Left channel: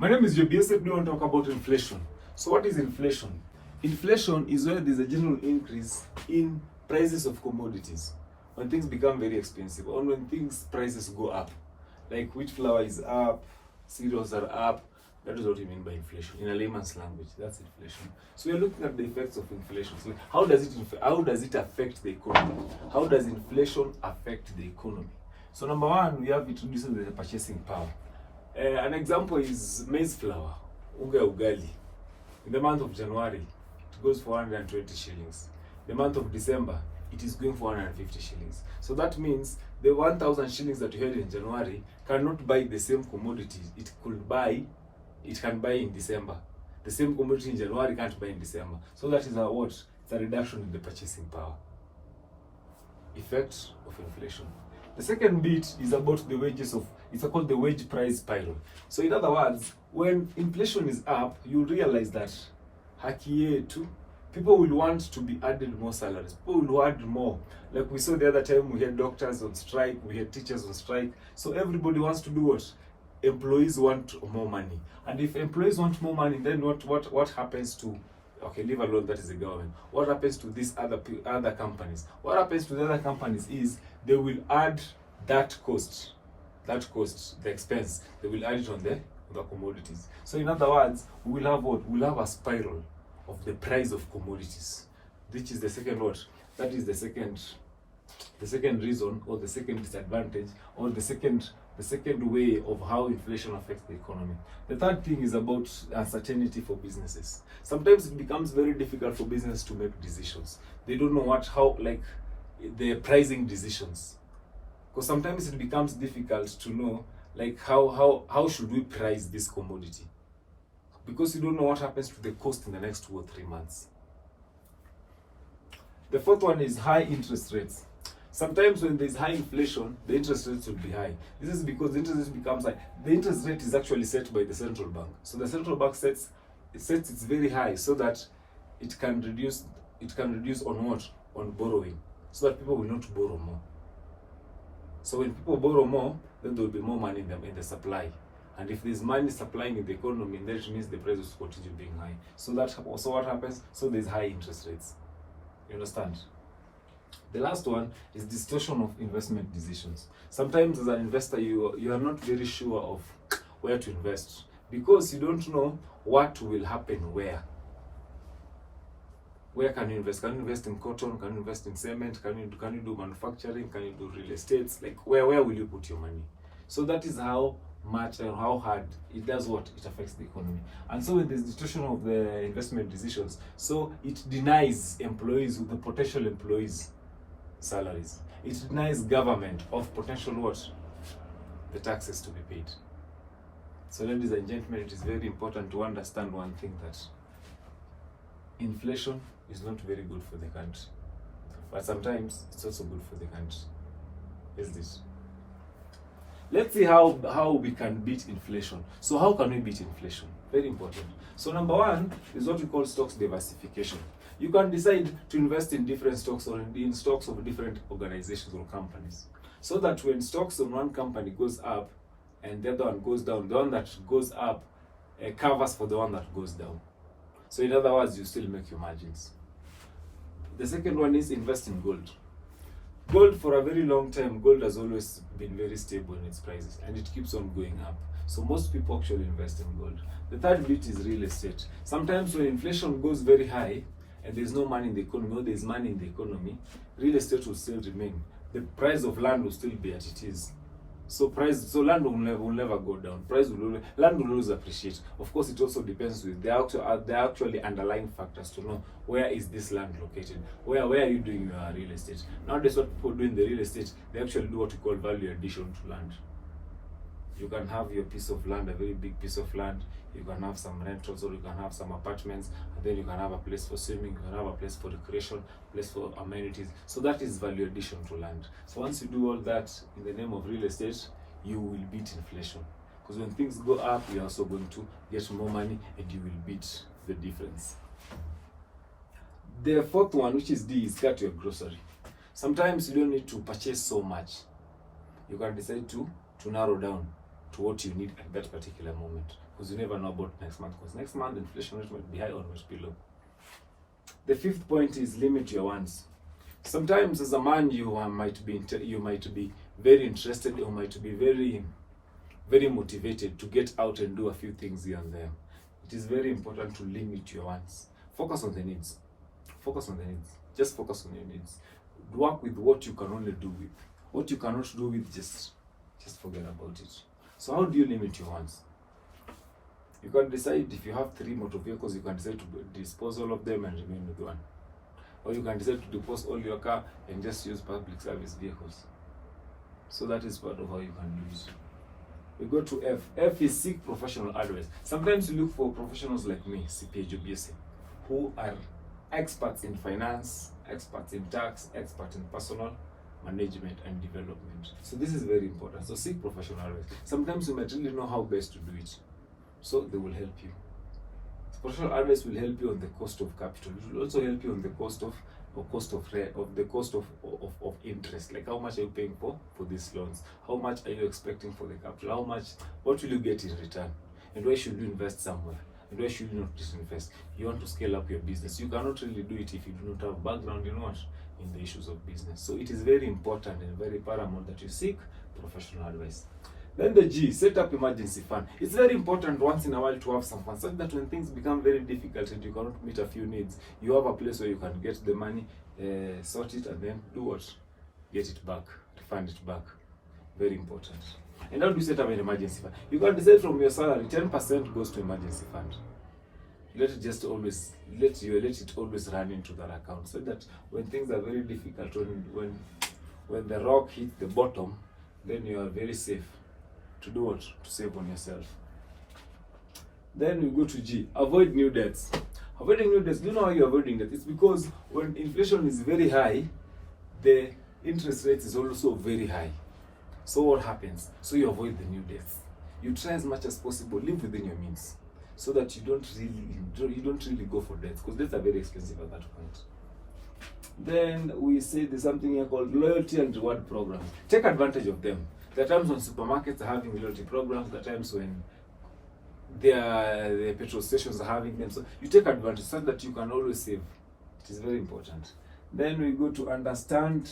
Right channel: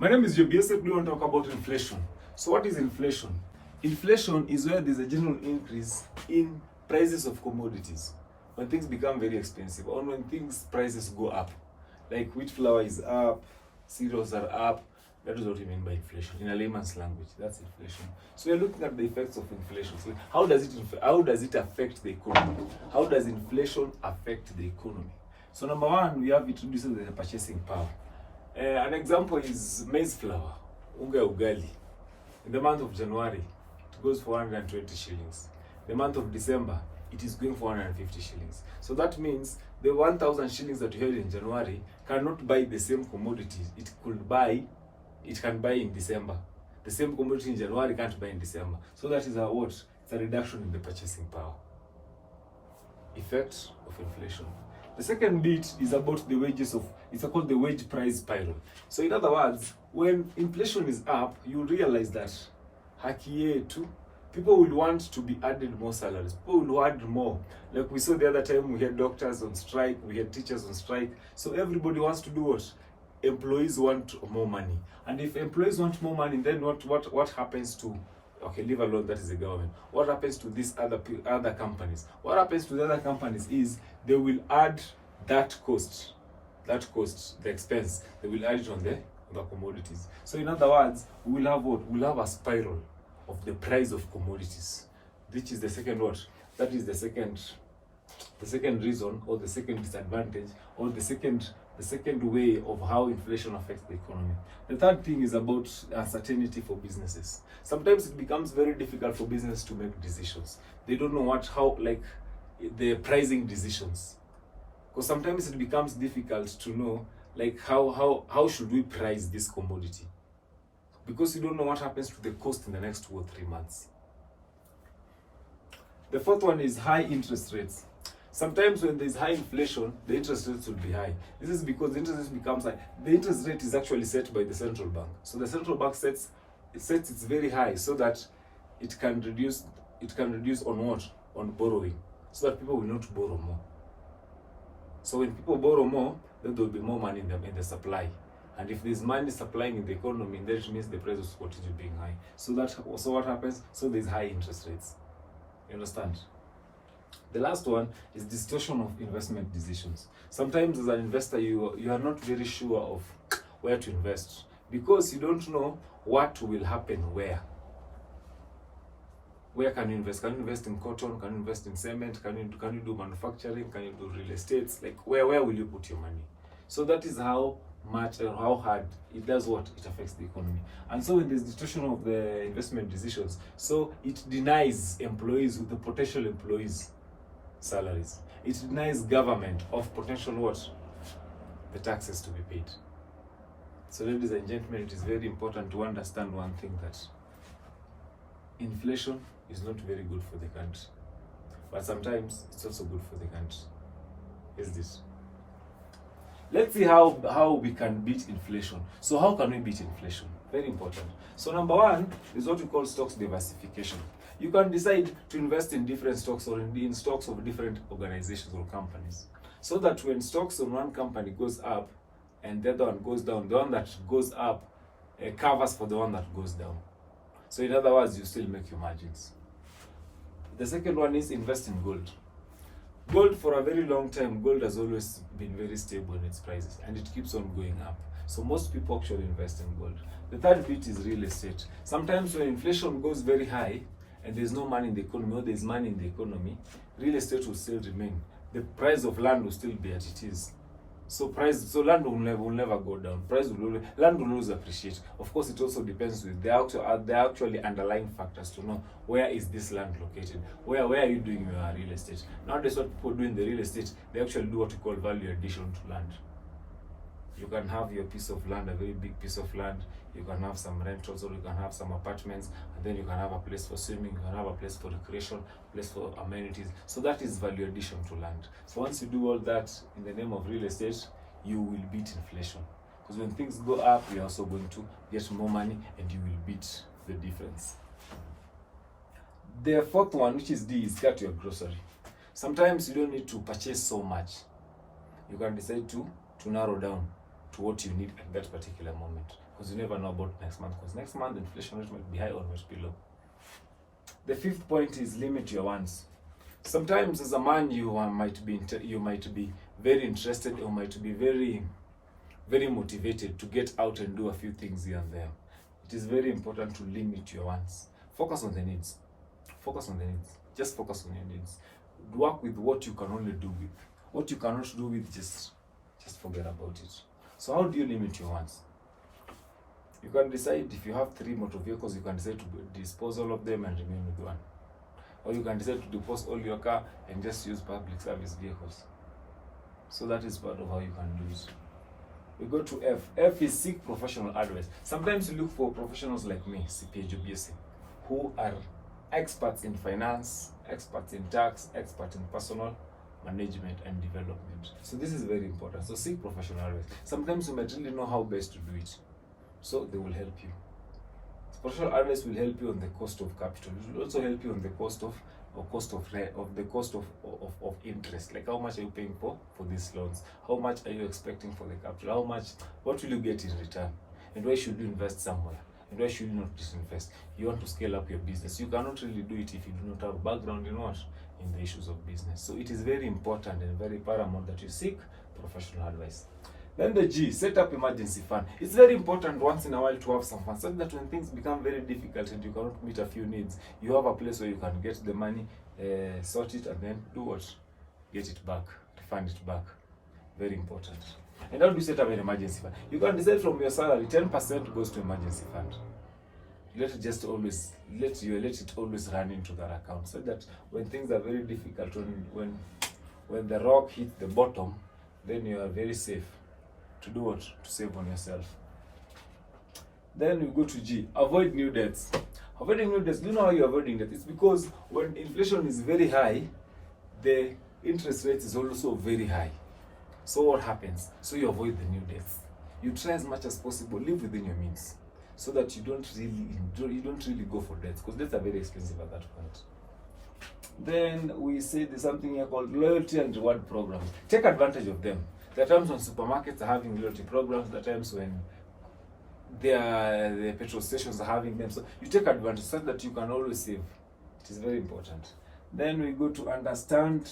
My name is Jobiese. We want to talk about inflation. So what is inflation? Inflation is where there's a general increase in prices of commodities. When things become very expensive or when things prices go up. Like wheat flour is up, cereals are up. That is what we mean by inflation. In a layman's language, that's inflation. So we're looking at the effects of inflation. So how does it affect the economy? How does inflation affect the economy? So number one, we have it reduces the purchasing power. An example is maize flour, unga ugali. In the month of January, it goes for 120 shillings. The month of December, it is going for 150 shillings. So that means the 1,000 shillings that you had in January cannot buy the same commodity it can buy in December. The same commodity in January can't buy in December. So that is what? It's a reduction in the purchasing power. Effects of inflation. The second bit is about the wages it's called the wage price spiral. So in other words, when inflation is up, you realize that people will want to be added more salaries. People will add more. Like we saw the other time, we had doctors on strike, we had teachers on strike. So everybody wants to do what? Employees want more money. And if employees want more money, then what happens to, okay, leave alone, that is the government. What happens to these other companies? What happens to the other companies is they will add that cost, the expense, they will add it on the commodities. So in other words, we will have what? We'll have a spiral of the price of commodities. Which is the second what? That is the second reason, or the second disadvantage, or the second way of how inflation affects the economy. The third thing is about uncertainty for businesses. Sometimes it becomes very difficult for business to make decisions. They don't know the pricing decisions. Because sometimes it becomes difficult to know how should we price this commodity. Because you don't know what happens to the cost in the next 2 or 3 months. The fourth one is high interest rates. Sometimes when there's high inflation, the interest rates will be high. This is because the interest rate becomes high. The interest rate is actually set by the central bank. So the central bank sets it very high so that it can reduce on what? On borrowing. So that people will not borrow more. So when people borrow more, then there will be more money in the supply. And if there's money supplying in the economy, then it means the price will continue being high. So what happens? So there's high interest rates. You understand? The last one is distortion of investment decisions. Sometimes as an investor, you are not very sure of where to invest because you don't know what will happen where. Where can you invest? Can you invest in cotton? Can you invest in cement? Can you do manufacturing? Can you do real estate? Like where will you put your money? So that is how much and how hard it does what? It affects the economy. And so when there's distortion of the investment decisions, so it denies employees, with the potential employees, salaries. It denies government of potential what? The taxes to be paid. So ladies and gentlemen, it is very important to understand one thing, that inflation is not very good for the country. But sometimes it's also good for the country. Is this? Let's see how we can beat inflation. So how can we beat inflation? Very important. So number one is what we call stocks diversification. You can decide to invest in different stocks or in stocks of different organizations or companies. So that when stocks on one company goes up and the other one goes down, the one that goes up covers for the one that goes down. So in other words, you still make your margins. The second one is invest in gold. Gold, for a very long time, gold has always been very stable in its prices and it keeps on going up. So most people actually invest in gold. The third bit is real estate. Sometimes when inflation goes very high and there's no money in the economy, or there's money in the economy, real estate will still remain. The price of land will still be as it is. So land will never go down. Land will always appreciate. Of course, it also depends with the actually underlying factors to know where is this land located. Where are you doing your real estate? Nowadays, what people do in the real estate, they actually do what we call value addition to land. You can have your piece of land, a very big piece of land. You can have some rentals, or you can have some apartments, and then you can have a place for swimming, you can have a place for recreation, place for amenities. So that is value addition to land. So once you do all that in the name of real estate, you will beat inflation. Because when things go up, you're also going to get more money and you will beat the difference. The fourth one, which is D, is cut your grocery. Sometimes you don't need to purchase so much. You can decide to narrow down to what you need at that particular moment. because you never know about next month, because next month inflation rate might be high or might be low. The fifth point is limit your wants. Sometimes as a man you might be very interested or might be very motivated to get out and do a few things here and there. It is very important to limit your wants. Focus on the needs. Focus on the needs. Just focus on your needs. Work with what you can only do with. What you cannot do with, just forget about it. So how do you limit your wants? You can decide, if you have 3 motor vehicles, you can decide to dispose all of them and remain with one. Or you can decide to dispose all your car and just use public service vehicles. So that is part of how you can do it. We go to F. F is seek professional advice. Sometimes you look for professionals like me, CPA Jobiese, who are experts in finance, experts in tax, experts in personal management and development. So this is very important. So seek professional advice. Sometimes you might really know how best to do it. So they will help you. Professional advice will help you on the cost of capital. It will also help you on the cost of interest. Like how much are you paying for these loans? How much are you expecting for the capital? What will you get in return? And why should you invest somewhere? And why should you not disinvest? You want to scale up your business. You cannot really do it if you do not have background in the issues of business. So it is very important and very paramount that you seek professional advice. Then the G, set up emergency fund. It's very important once in a while to have some fun, so that when things become very difficult and you cannot meet a few needs, you have a place where you can get the money, sort it, and then do what? Get it back, refund it back. Very important. And how do you set up an emergency fund? You can decide from your salary, 10% goes to emergency fund. Let it always run into that account, so that when things are very difficult, when the rock hits the bottom, then you are very safe. To do what? To save on yourself. Then we go to G, avoid new debts. Avoiding new debts, do you know how you're avoiding that? It's because when inflation is very high, the interest rate is also very high. So what happens? So you avoid the new debts. You try as much as possible, live within your means, so that you don't really go for debts, because debts are very expensive at that point. Then we say there's something here called loyalty and reward programs. Take advantage of them. There are times when supermarkets are having loyalty programs, there are times when the petrol stations are having them. So you take advantage so that you can always save. It is very important. Then we go to understand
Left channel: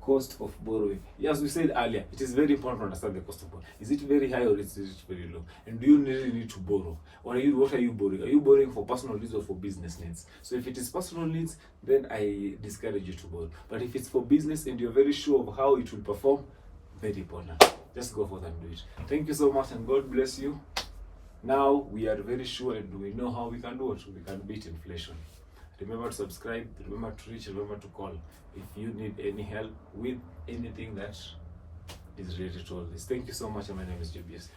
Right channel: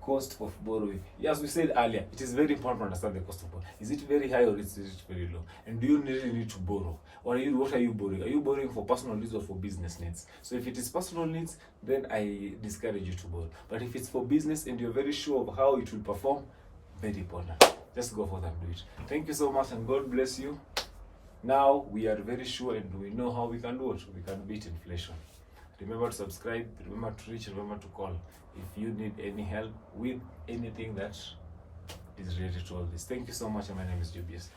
cost of borrowing. As we said earlier, it is very important to understand the cost of borrowing. Is it very high or is it very low? And do you really need to borrow? What are you borrowing? Are you borrowing for personal needs or for business needs? So if it is personal needs, then I discourage you to borrow. But if it's for business and you're very sure of how it will perform, very important. Just go for that and do it. Thank you so much and God bless you. Now we are very sure and we know how we can do it. We can beat inflation. Remember to subscribe, remember to reach, remember to call if you need any help with anything that is related to all this. Thank you so much, and my name is Jobiese.